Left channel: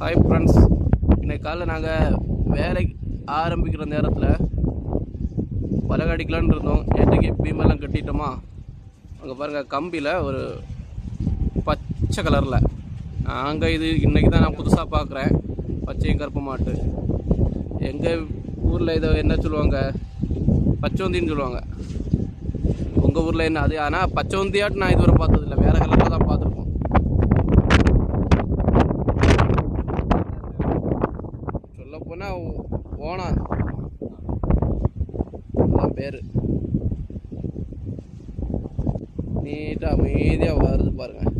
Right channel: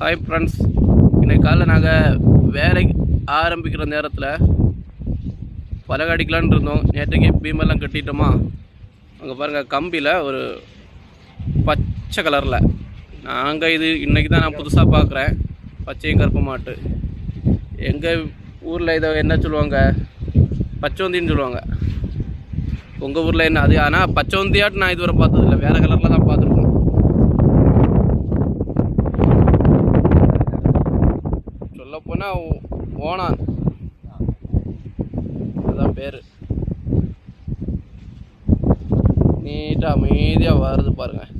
Hi friends, இன்றைக்கி காலைல நாங்கள் வேலைக்கு ஆரம்பிக்கிற நேரத்தில் பலகை அடிக்கலான்னு இருந்தோம். நேற்றைக்கு பீமெல்லாம் கட்டிட்டோமா. அங்கே பாருங்கள், கம்பியில் ஒரு பச்சை கலரில் நாங்கள் இது இன்றைக்கி தான் நான் புதுசாக பார்க்குறேன். பச்சையும் கருப்பு மாட்டு. எங்கள் ஊரில் இதை என்ன சொல்லுவாங்க, பச்சோந்தின்னு சொல்லுவாங்க. உங்கள் ஊரில் என்ன அது? ஆனால் பச்சோந்தியாட்டு நான் இதுவரை பார்த்ததில்லை, வேறு கலரில் தான் பார்த்துருக்கோம். சொல்லப்போனால் ஓணான் அதான் பேர். நீட்டாக அமைதியாக வருது பாருங்கள்.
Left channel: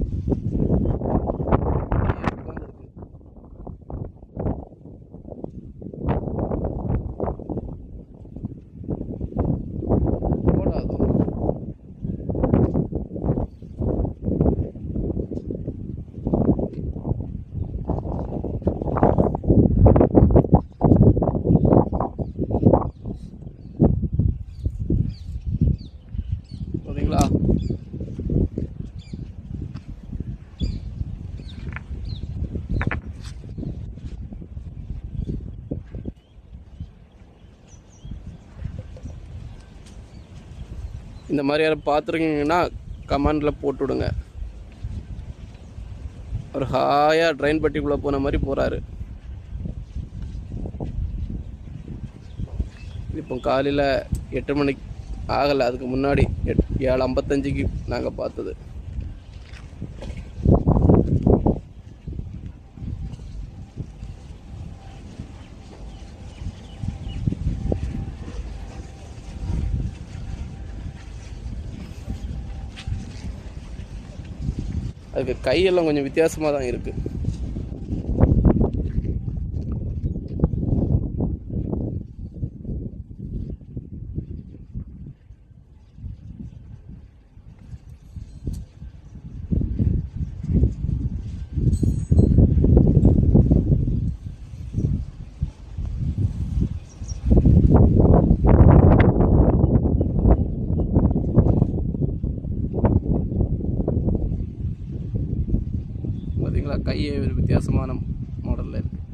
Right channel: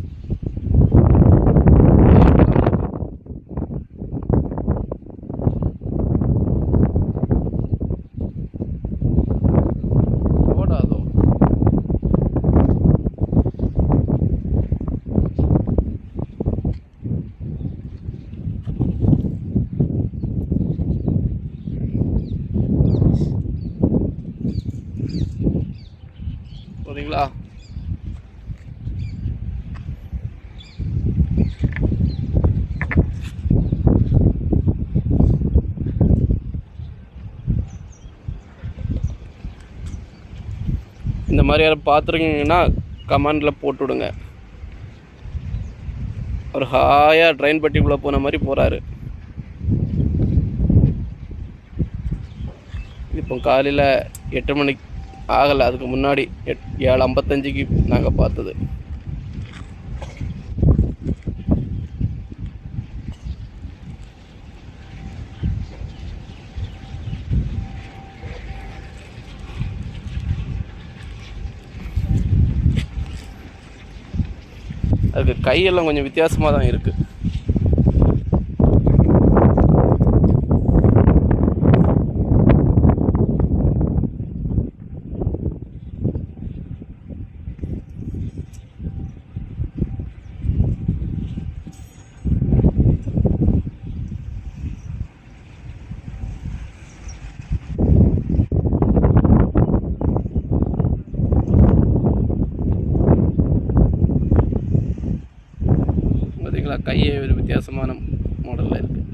ஓடாதோ சரிங்களா? இந்த மாதிரி யாரும் பார்த்துருக்கீங்கன்னா கமெண்டில் போட்டு விடுங்க. ஒரு ஹாயாக ட்ரெயின் பட்டிக்குள்ளே போன மாதிரி போகிறாரு. இப்போ காலையில் 8 மணிக்கு ஆகலை, அதுக்கு முன்னாடி 7:55க்கு நாங்கள் பார்த்தது. அதுக்கு கையெல்லாம் கொஞ்சம் வித்தியாசமாக தான் இருக்குது. பார்த்தீங்களா, கையே ஒரு வித்தியாசமான மாடலில் இருக்குது.